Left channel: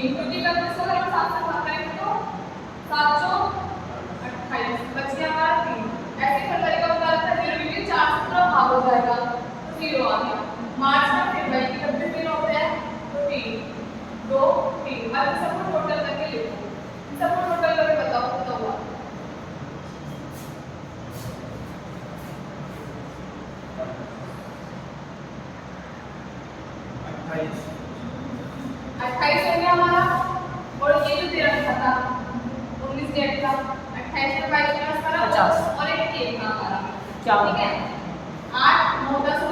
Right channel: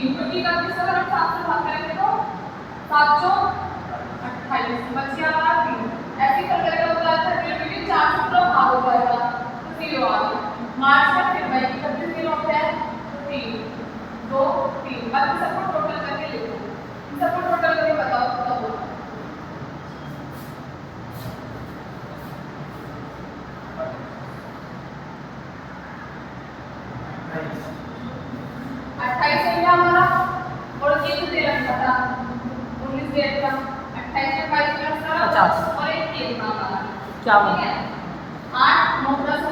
15, 50 का किस अगर हम 7 से भाग करेंगे तो 7 चौक 28 बच गया हमारा 3। ऐसे कर करके होता है 0 क्योंकि 4 से पूरा भाग हो जाएगा तो 0 आ गया। मार्च का फिर भाई कितने दिन होते हैं तो 3 2 3। अब इन सबको टोटल करके लिखो, इन सबको टोटल करके बताओ कितना हुआ। 28 हो गया हमारा। और ये जो दे रखा था 19 डेट का 28 में 22 प्लस करा 50 और एक केक का हमारा क्या ठीक है 8 9 10 हो